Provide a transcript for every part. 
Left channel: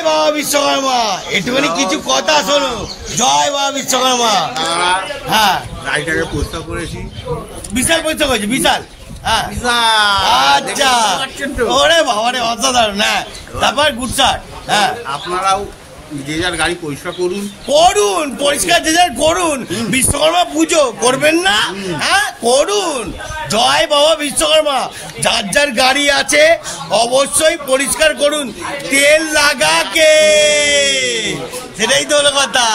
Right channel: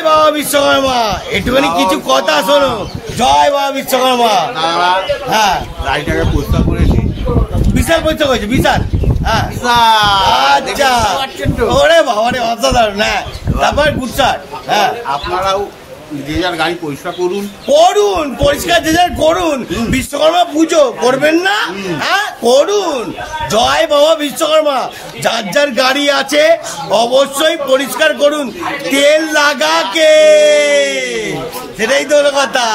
বাবা বিশ্বকর্মা একটুখানি কিছু কথা শোনো। জয় বাবা বিশ্বকর্মা। হ্যাঁ গাড়িটাকে পরিষ্কার করেছি, বিশাল পরিষ্কার করেছি, বিশাল। হ্যাঁ আচ্ছা, ওরে বাবা রে অসাধারণ। হ্যাঁ তারপর গুডশাট। হ্যাঁ আপনারাও যে যার গাড়ি পরিষ্কার করুন, করুন, পরিষ্কার যে যার করুন। বিশ্বকর্মা পুজো করবেন না? হ্যাঁ করুন। জয় বাবা বিশ্বকর্মা। যার যার গাড়ি আছে অবশ্যই পরিষ্কার করুন, তেল লাগাকে। সেটাই তো হলো কথা।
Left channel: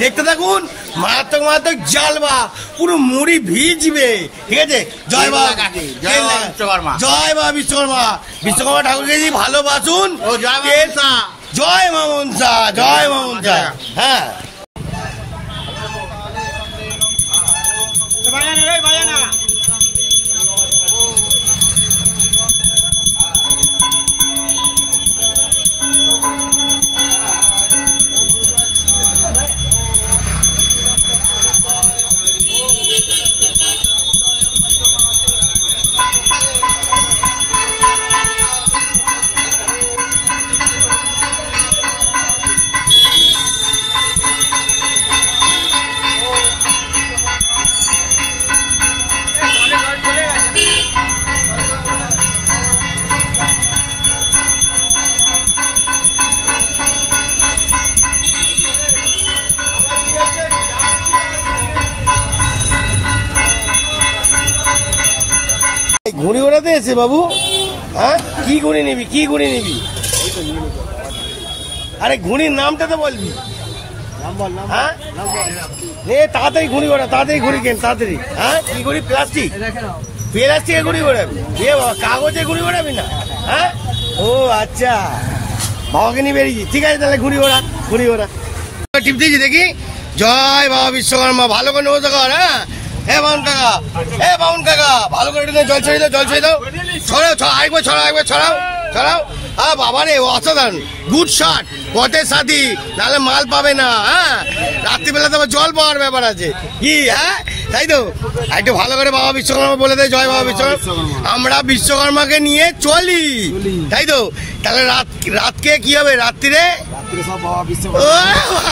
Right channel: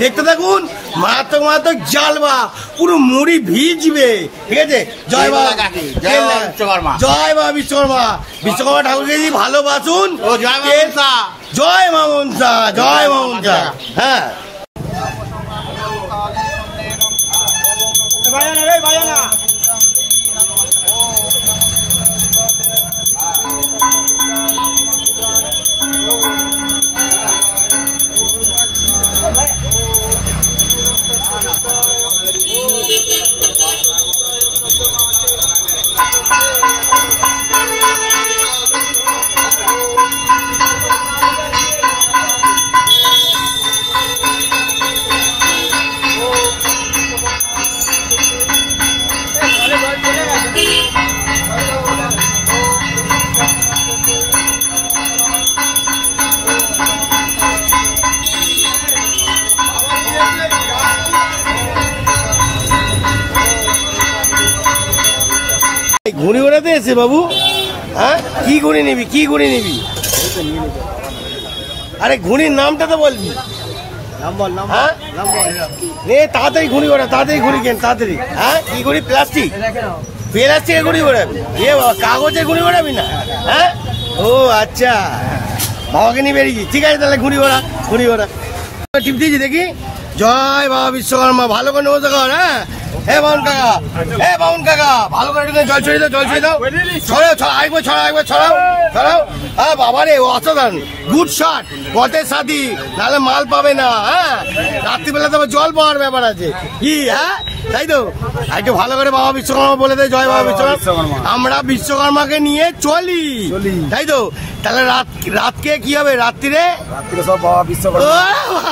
দেখতে থাকুন, মারাত্মক মারাত্মক জ্বালবা, পুরো মুড়ি ভিজবে। ঠিক আছে? জয় বাবা, জয় বাবা বিশ্বকর্মা। জয় বাবা বিশ্বকর্মা। বিশ্বকর্মা ঠাকুরকে ভালোবাসুন। জয় মা মনসা, জয় মা মনসা। হ্যাঁ ঘুড়ি ওড়াতে এসে বাবু। হ্যাঁ কি ঘুড়ি নিবি, কি ঘুড়ি নিবি? আরে ঘুড়ির নামটা তো বলবি। হ্যাঁ নে তাড়াতাড়ি ঘুড়ি ওড়া, তাড়াতাড়ি ঘুড়ি কেন, তাড়াতাড়ি। হ্যাঁ কি ঘুড়ি? প্লাস্টিক, প্লাস্টিকের ঘুড়ি ওড়াবি? এ বাবা কাগজের ঘুড়ি ওড়াবি না? হ্যাঁ ও আচ্ছা, বাবাকে নিয়ে বেরিয়েছি। ঠিক আছে তাহলে ঘুড়ি ওড়া, ঘুড়ি ওড়া। টিপ দিয়েছি দেখি। জয় বাবা বিশ্বকর্মা। ভালো করে নজর কর। হ্যাঁ এ বাউন কাকা, এ বাউন কাকা, ভালো করে একটু জল ছড়িয়ে দাও, জল ছড়িয়ে দাও। ছড়াও, একবার ছড়াও, একবার ছড়াও, ছড়াও। হ্যাঁ বাবা রে অসাধারণ, গুড শট, পথের সাথী, নাহলে মাল পাবে না। হ্যাঁ রাত্রিবেলা তো জল পাওয়ার ব্যাপার আছে কি? হ্যাঁ তাই তো, একটু ভালো করে বাবা বিশ্বকর্মা বলে দেয়। জয় বাবা বিশ্বকর্মা। আমরা বিশ্বকর্মাকে নিয়ে চলি, তাই তো। তাহলে রাতকে কি হবে? রাত্রিরে সব বাবা বিশ্বকর্মা।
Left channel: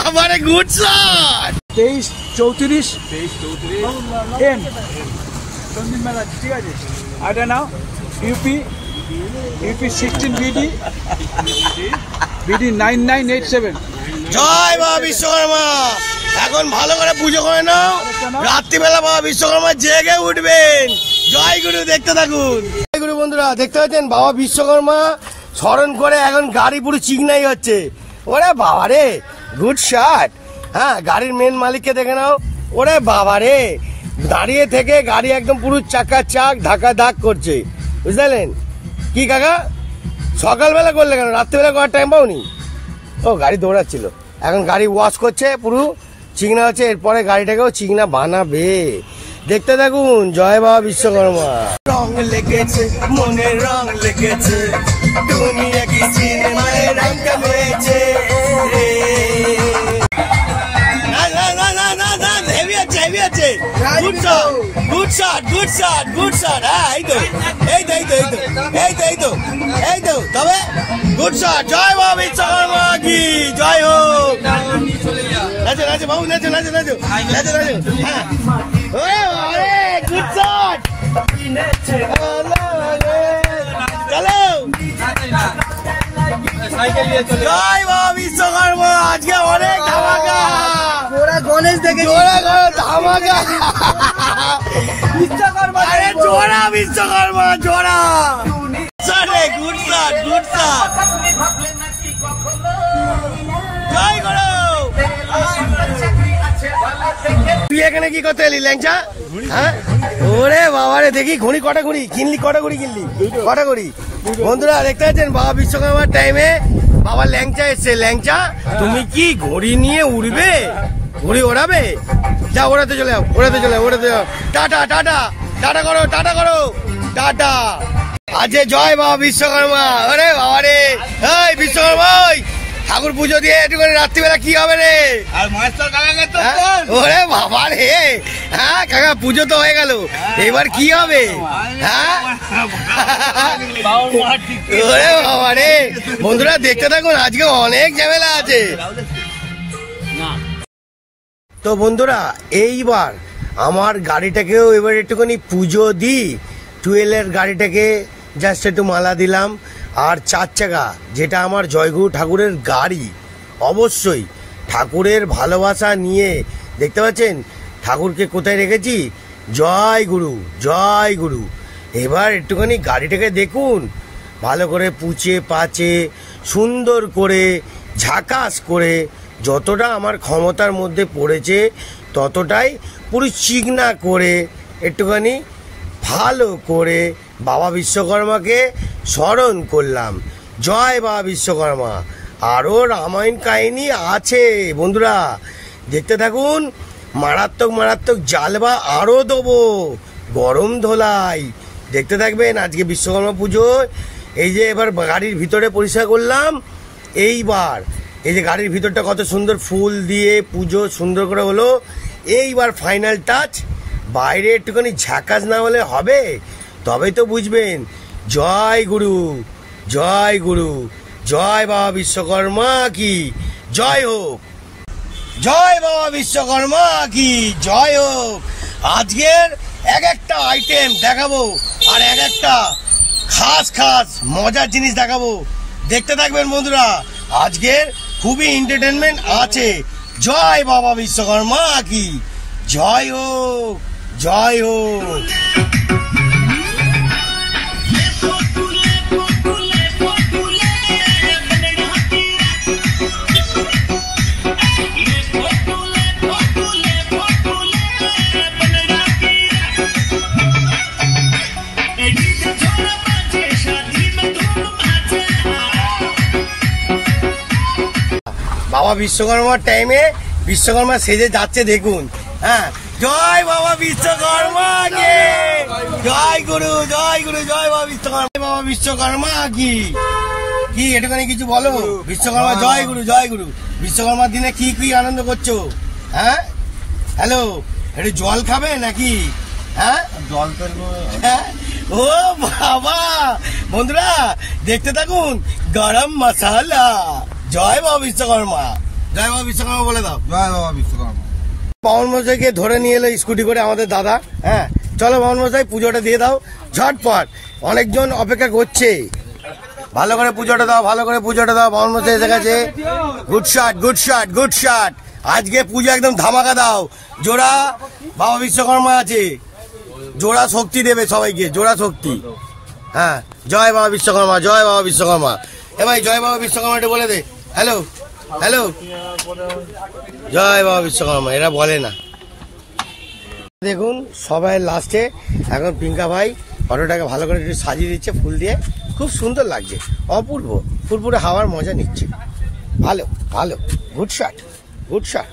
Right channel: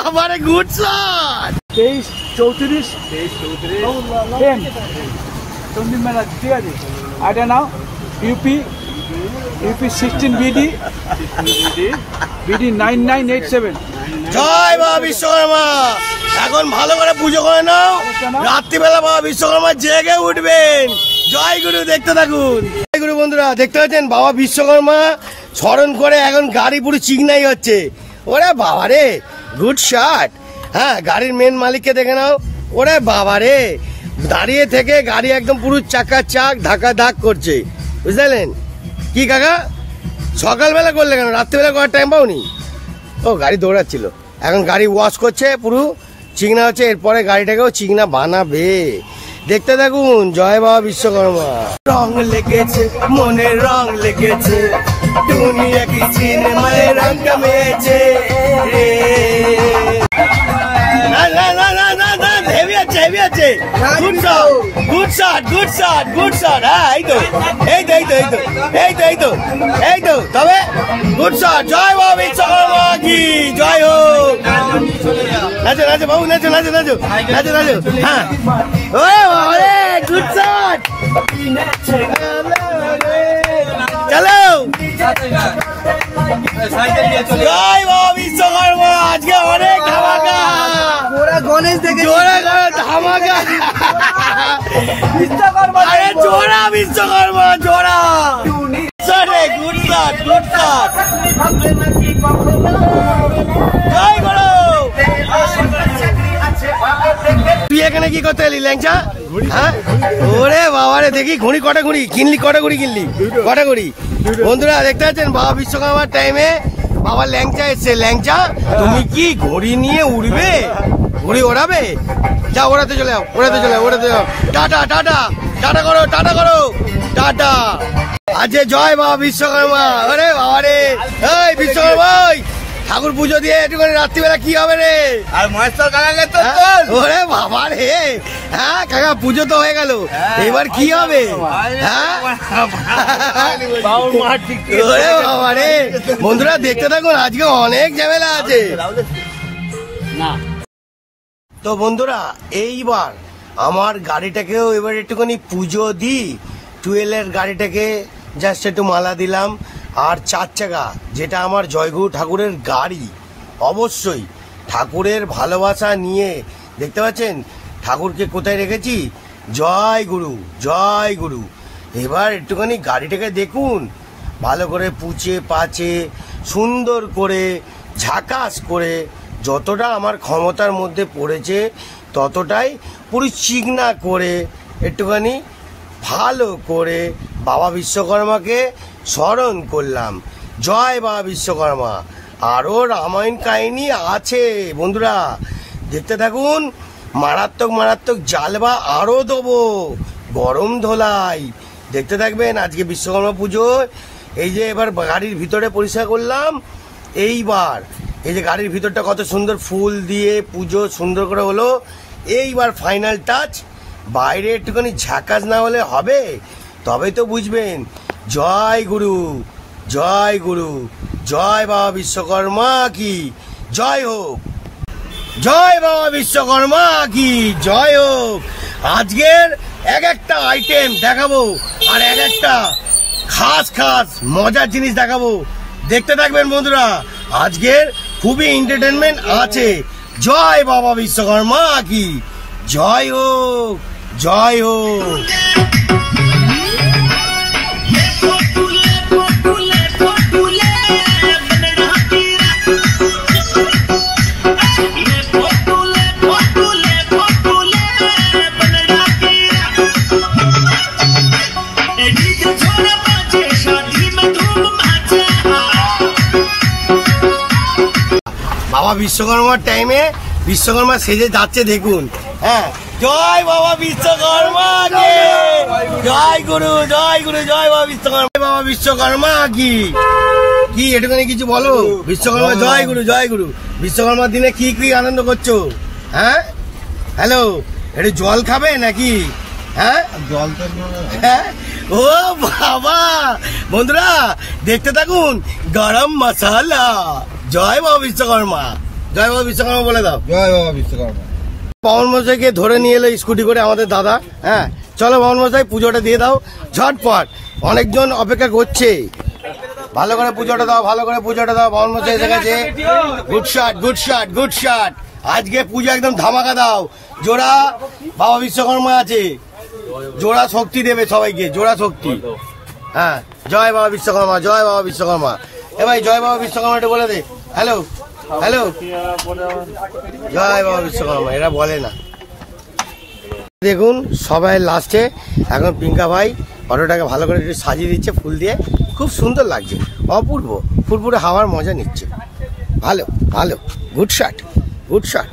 আমার গুড শট। 23-34 সন্দীপ মেলা। ঠিক আছে, এটা নাও। UP 16 BD 9987। জয় বাবা বিশ্বকর্মা। এখন ভালো করে পুজো করে নাও, রাত্রিবেলা বাবা বিশ্বকর্মা জেগে উঠবেন। জয় গুরু, দেখতে থাকুন। জয় গুরু বন্ধুরা, দেখতে পাচ্ছেন বাবা বিশ্বকর্মা স্মরণ করে এখন গাড়ি পুরো চিকনাই হচ্ছে। ওরে বাবা রে, গুড শট। হ্যাঁ গাড়ির মেন মালিককে দেখে নাও। ওরে বাবা রে, দাঁড়িয়ে থেকে গাড়ি একদম পুরো চাকা চাক ধাক্কা ধাক করছে, বুঝলেন কি কাকা? সকালবেলা করলে কেন, রাত্রিবেলা করার টাইম পাওনি? ও গাড়ি দৌড়াচ্ছিল, এখন গাড়ি ওয়াশ করছে, পুরো চিকনা হচ্ছে। এরপরে গাড়িটাকেও চিকনা বানাবে। দেখতে থাকুন। জয় বাবা বিশ্বকর্মা। রং লেগেছে, মনের রং লেগেছে, দুনিয়া কি সিনেমায় রং কামেছে। তবে গুড শট। জয় বাবা বিশ্বকর্মা কি জয় হোক। নাচো নাচো বাবু, নাচো নাচো নাচো নাচো নাচো। হ্যাঁ গুড শট। চলো জয় বাবা বিশ্বকর্মা। আজকে অনেক ধামাকা, গণেশ দেখে জোরে জোরে ধামাকা। জোড়া বিশ্বকর্মা, জোড়া। Good shot, good shot. জয় গুরু। তুই এখানে কি করতে এলি ল্যাংচা? হ্যাঁ ওরে বাবা রে, দেখি ঘুড়ি কটা ঘুড়ি কিনলি, কটা ঘুড়ি কিনলি, কটা ঘুড়ি? বন্ধুরা দেখতে পাচ্ছেন বাবা বিশ্বকর্মার টাইমে বাবা ল্যাংচা এসছে। ল্যাংচা তুমি কি ঘুড়ি নিয়ে উড়বে, ঘুড়ি ওড়াবে? যা ওড়াতে চলে যাও, ওড়াতে চলে যাও, ওড়াতে যাও। টাটা টাটা টাটা করো, টাটা করো, টাটা। আজকে জয় বাবা বিশ্বকর্মা। আরে বাবা রে, এই বিশ্বকর্মা ঠাকুর পুজো দিয়ে একটু করে রাত্রিবেলা কি হবে রে? আর মাস্টার কাকাকে তো ওরে বাবা রে, হ্যাঁ কাকা পুজো তো হয়ে গেল, এবার কি হবে? হ্যাঁ ওরে বাবা রে, বন্ধুরা দেখতে থাকুন, আজকে অনেক ঝামেলা আছে। তো বন্ধুরা এইবার আমার গাড়িটাকেও এবার একটুখানি পুজো দিই। টুয়েলের গাড়িটাকে জাস্ট একটু মালা দিলাম। আর 4 চাকা যেটা আমার জয়গুরু ঠাকুরের গাড়ি, অবশ্যই ঠাকুরের ভালোবাসা নিয়ে দেখতে পাচ্ছেন ঠাকুরকে কোথায় রেখেছি, জয় গুরু জয় গুরু। এবার একটুখানি গাড়িটাকে দেখুন, ভালো করে পুছে পাচে সুন্দর করে ঝাকাস করে যতটা আমার ক্ষমতার মধ্যে পড়েছে ততটাই পুরো চিকনা করে একটুখানি ভালো করে বাবা বিশ্বকর্মাকে স্মরণ করলাম। জয় বাবা বিশ্বকর্মা। আরও রামায়ণ কাহিনী আছে বন্ধুরা, দেখতে থাকুন। মারাত্মক মারাত্মক জালবা আরও দেবো, গরম ধোলাই, দেখতে থাকবেন। আজকে বিশ্বকর্মা পুজো, এই যে এবার গাড়ির ভিতরে পরিষ্কার করলাম। এইবার এই যে গাড়ির ভিতরটা কত সুন্দর ফুল দিয়ে পুজো সুন্দর করে হলো। এইবার ফাইনাল টাচ, বাইরে একটুখানি ঝাকাস না হলে হবে, তবে তো বুঝবেন। জয় গুরু জয় গুরু, জয় বাবা বিশ্বকর্মা কি জয় হোক, জয় বাবা বিশ্বকর্মা কি জয় হোক। আজকের এক একটা আইটেম দেখাবো আর এক একটা খাস খাস মজার জিনিস দেখাবো, দেখতে থাকবেন বন্ধুরা। আজকের খুবই এন্টারটেনমেন্ট আছে। জয় বাবা বিশ্বকর্মা কি জয় হোক, জয় হোক। বাবা বিশ্বকর্মার টাইমে বিশ্বকর্মা সেজে যাচ্ছে দেখুন। হ্যাঁ, জয় বাবা বিশ্বকর্মা কে জয় গুরু জয় গুরু, জয় বাবা বিশ্বকর্মা, বাবা বিশ্বকর্মা কি কি এটুখানি কিছু বলো। বিশ্বকর্মা জয় গুরু জয় গুরু। বিশ্বকর্মার দিনে কি কি আনন্দ করছো? হ্যাঁ হ্যালো, একটু জল খাবে নাকি? হ্যাঁ জল তো হ্যাঁ, ও বাবা বন্ধুরা দেখতে থাকুন। গরম মশালা, জয় বাবা বিশ্বকর্মা, জয় বাবা বিশ্বকর্মা বলে দাও। জয় বাবা বিশ্বকর্মা। পাবন মশাইকে ধরে নিয়ে এলো স্কুটি করে আমাদের দাদা। হ্যাঁ চলো পাবন মশাই পুজোটা দিয়ে দাও ঝটপট, অনেকজন অপেক্ষা করছে। ভালো করে পুজোটা দাও, ভালো করে পুজোটা দাও। পাবন মশাই এসে গেছে। Good shot good shot good shot. আজকে পুজো একদম ধামাকা দাও। জোড়া বাবা বিশ্বকর্মা আছে, জোড়া শক্তি দেবে সবাইকে, জোড়া শক্তি। হ্যাঁ জয় বাবা বিশ্বকর্মা জয় বাবা বিশ্বকর্মা। এ ভাই জয় বাবা বিশ্বকর্মা একটু বলে দে। হ্যালো হ্যালো, জয় বাবা বিশ্বকর্মা, এরা বলে না। দেখুন সবাই লাস্টে এখন পিঙ্কা ভাই অটোটাকে ভালো করে একটু সাজিয়ে দিচ্ছে ফুল দিয়ে, খুব সুন্দর লাগছে, অপূর্ব ফুরফুরে হাওয়ার মজা নিচ্ছে। ভালো ভালো, গুড শট গুড শট।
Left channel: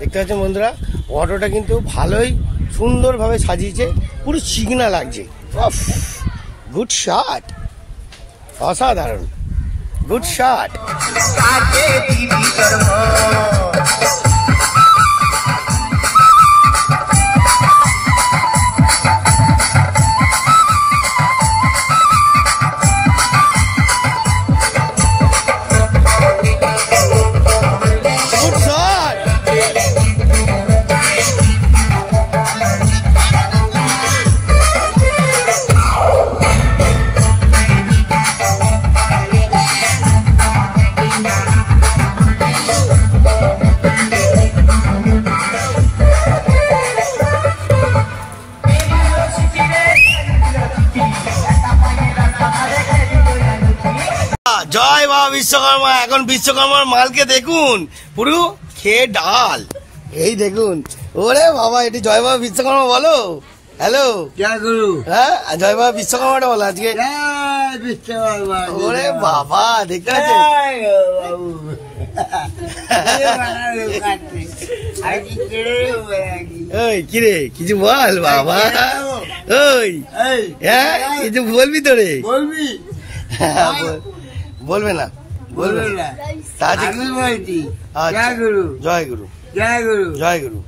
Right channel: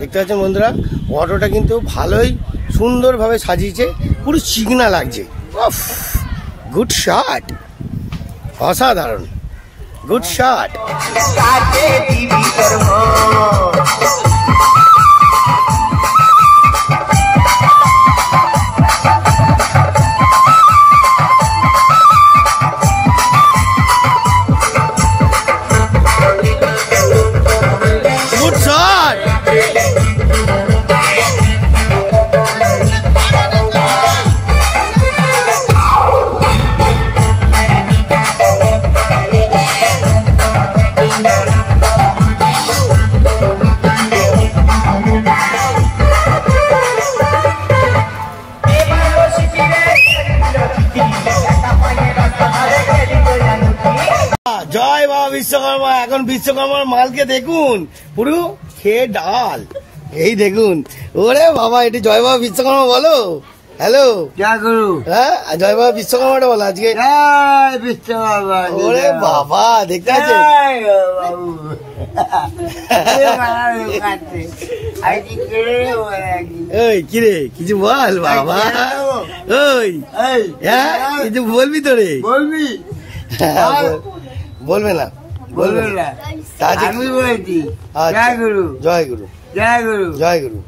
দেখতে পাচ্ছেন বন্ধুরা, অটোটা কিন্তু ভালোই সুন্দরভাবে সাজিয়েছে, পুরো চিকনা লাগছে। গুড শট, অসাধারণ, গুড শট। জয় বাবা বিশ্বকর্মা। এখন বিশ্বকর্মার মালকে দেখুন, পুরো খেয়ে ডাল। এই দেখুন, ওরে বাবা, এটি জয় বাবা বিশ্বকর্মা বলো। হ্যালো হ্যাঁ, জয় বাবা বিশ্বকর্মাটা বলো আজকে। বিশ্বকর্মা। ওরে বাবা, দেখতে পাচ্ছেন ওই কিরে কিছু বল বাবা, ওই হ্যাঁ কিছু বলবি তো রে? বলবি? বলবে না, বলবেন বলুন না। তাড়াতাড়ি আমি বলছি আচ্ছা। জয় গুরু জয় গুরু জয় গুরু জয় গুরু